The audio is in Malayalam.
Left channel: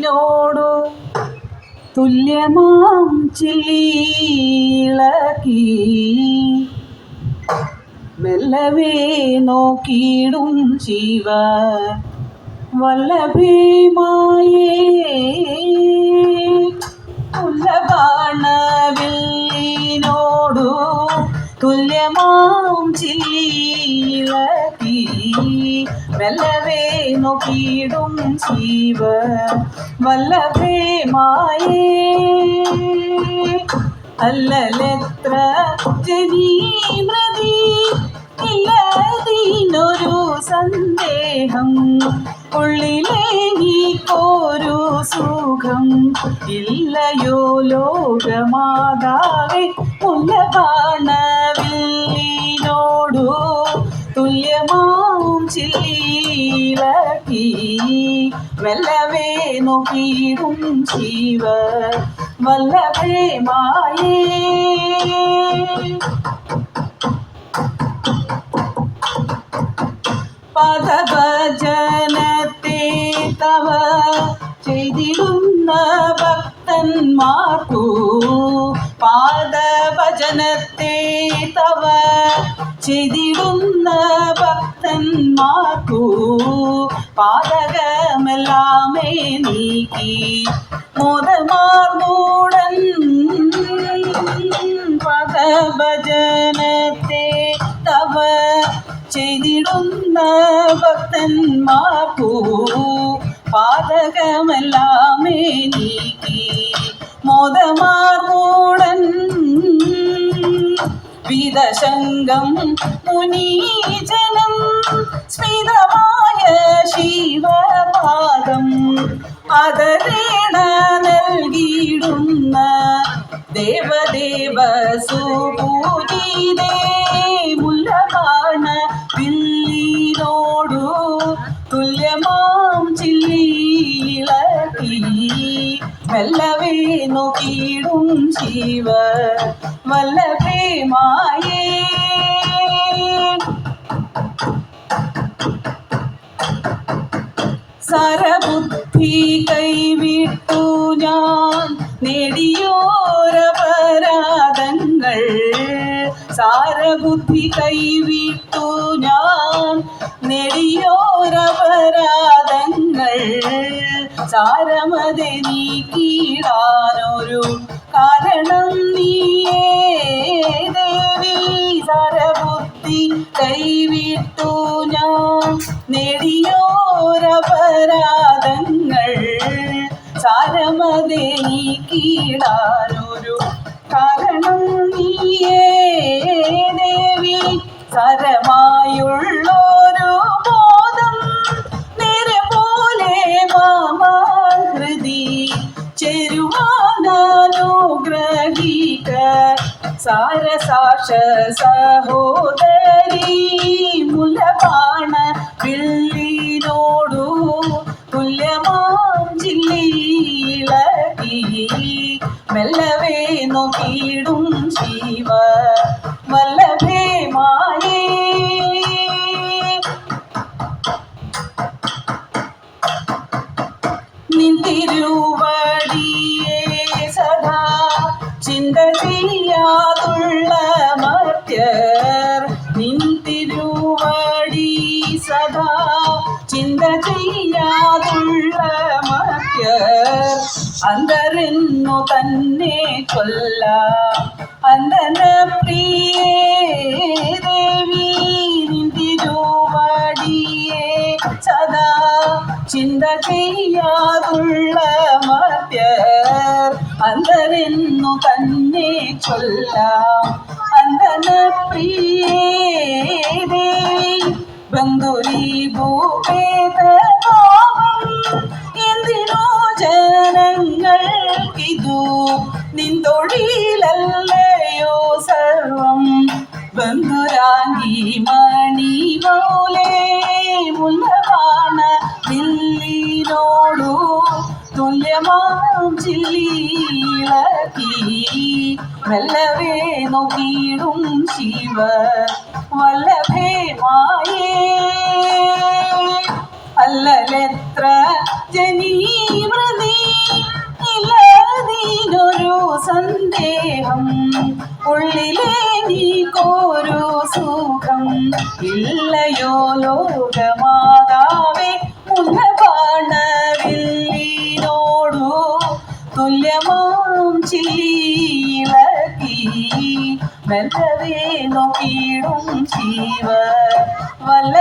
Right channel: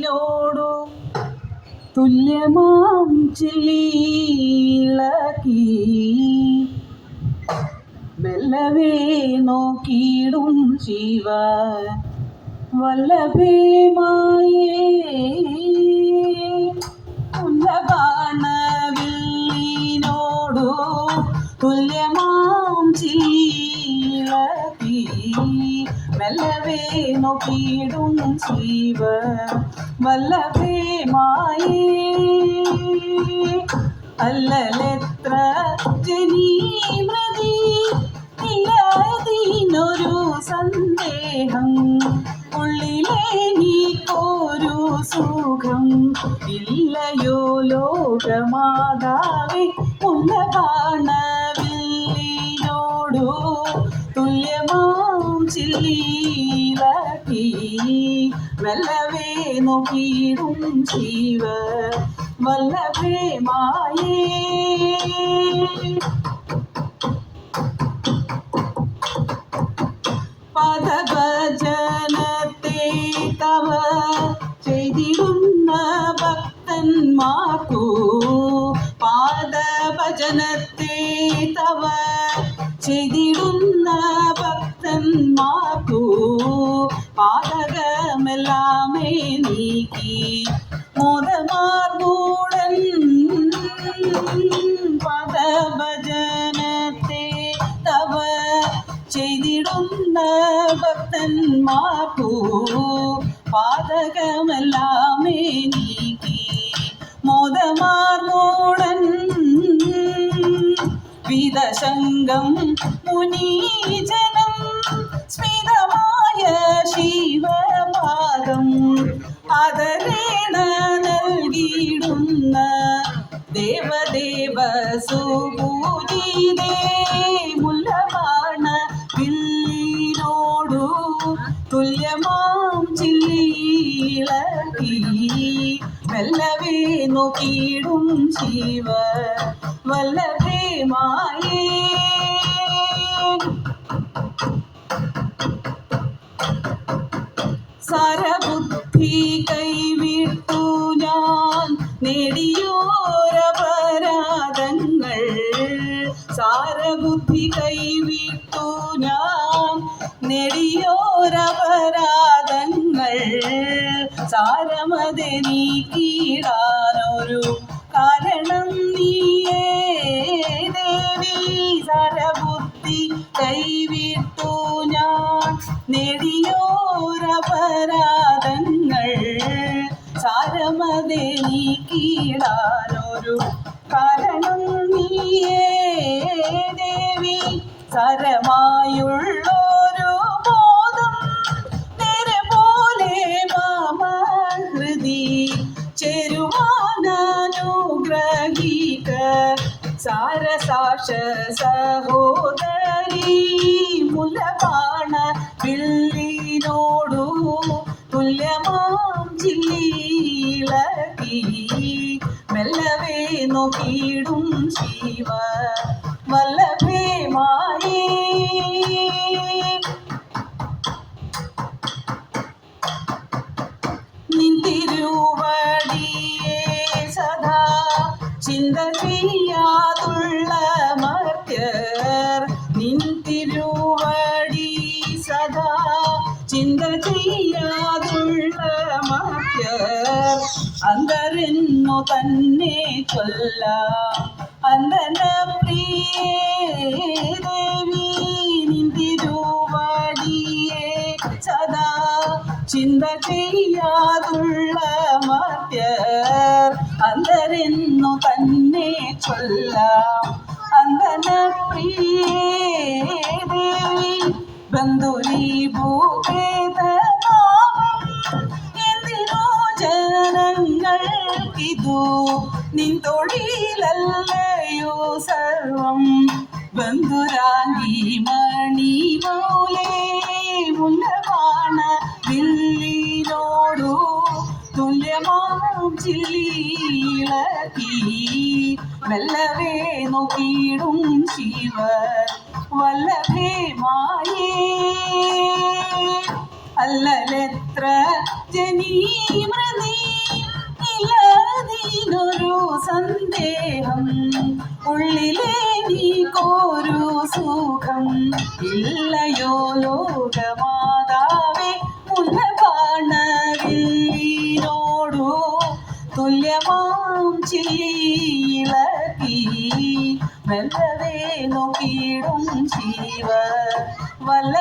വില്ലിനോടു തുല്യമാം ചില്ലിളക്കി മെല്ലവേ നോക്കിയിടും ശിവ വല്ലഭേമായേ ഉല്ലബാണവില്ലിനോടു തുല്യമാം ചില്ലിളക്കി മെല്ലവേ നോക്കിയിടും ശിവ വല്ലഭേമായേ അല്ലലെത്ര ജനീമൃതി ഇല്ലതിനൊരു സന്ദേഹം ഉള്ളിലെ നീക്കൊരു സുഖം ഇല്ലയോ ലോകമാതാവേ മുല്ലബാണവില്ലിനോടു തുല്യമാം ചില്ലിളക്കി മെല്ലവേ നോക്കിയിടും ശിവ വല്ലഭേമായേ പദഭജനത്തെ തവ ചെയ്തിടുന്ന ഭക്തന്മാർക്കു പാദഭജനത്തെ തവ ചെയ്തിടുന്ന ഭക്തന്മാർക്കു പാതകമെല്ലാമേ നീക്കി മോദമാർന്നൂടൻ പദഭജനത്തെ തവ ചെയ്തിടുന്ന ഭക്തന്മാർക്കു പാതകമെല്ലാമേ നീക്കി മോദമാർന്നൂടൻ വിദശങ്കം മുനീജനം സ്മിതമായ ശിവപാദം ആദരേണ നൽകിയിടുന്ന ദേവദേവ സുപൂജിതേ മുല്ലബാണവില്ലിനോടു തുല്യമാം ചില്ലിളക്കി മെല്ലവേ നോക്കിയിടും ശിവ വല്ലഭേമായേ സാരബുദ്ധി കൈവിട്ടു ഞാൻ നേടിയോരപരാധങ്ങൾ സാരബുദ്ധി കൈവിട്ടു ഞാൻ നേടിയോരപരാധങ്ങൾ സാരമതെ നീക്കിടാനൊരു കാരണം നീയേ ദേവി സാരബുദ്ധി കൈവിട്ടു ഞാൻ നേടിയോരപരാധങ്ങൾ സാരമതെ നീക്കിടാനൊരു കാരണം നീയേ ദേവി സാരമായുള്ളൊരു ബോധം നേരെ പോലെ മാമഹൃതി ചേരുവാനുഗ്രഹിക്ക സാരസാക്ഷ സഹോദരി മുല്ലബാണവില്ലിനോടു തുല്യമാം ചില്ലിളക്കി മെല്ലവേ നോക്കിയിടും ശിവ വല്ലഭേമായേ നിന്തിരുവടിയേ സദാ ചിന്ത ചെയ്യാതുള്ള മർത്യർ നിന്തിരുവടി സദാ ചിന്ത ചെയ്യാതുള്ള മർത്യർ അന്തരെന്നു തന്നെ കൊല്ലാം അന്തന പ്രിയേ ദേവി നിന്തിരുവടിയേ സദാ ചിന്ത ചെയ്യാതുള്ള മർത്യർ അന്തരെന്നു തന്നെ കൊല്ലാം അന്തന പ്രിയേ ദേവി ബന്ധുരീ ഭൂപേത പാപം എന്തിനോ ജനങ്ങൾക്കിതു നിൻ തൊഴിലല്ലയോ സർവം ബന്ധുരാങ്കി മണി പോലെ മുല്ലബാണവില്ലിനോടു തുല്യമാം ചില്ലിളക്കി മെല്ലവേ നോക്കിയിടും ശിവ വല്ലഭേമായേ അല്ലലെത്ര ജനീമൃതി ഇല്ലയോ ലോകമാതാവേ മുന്നപാണവില്ലിനോടു തുല്യമാം ചില്ലിയിളക്കി മെല്ലവേ നോക്കിയിടും ശിവ വല്ല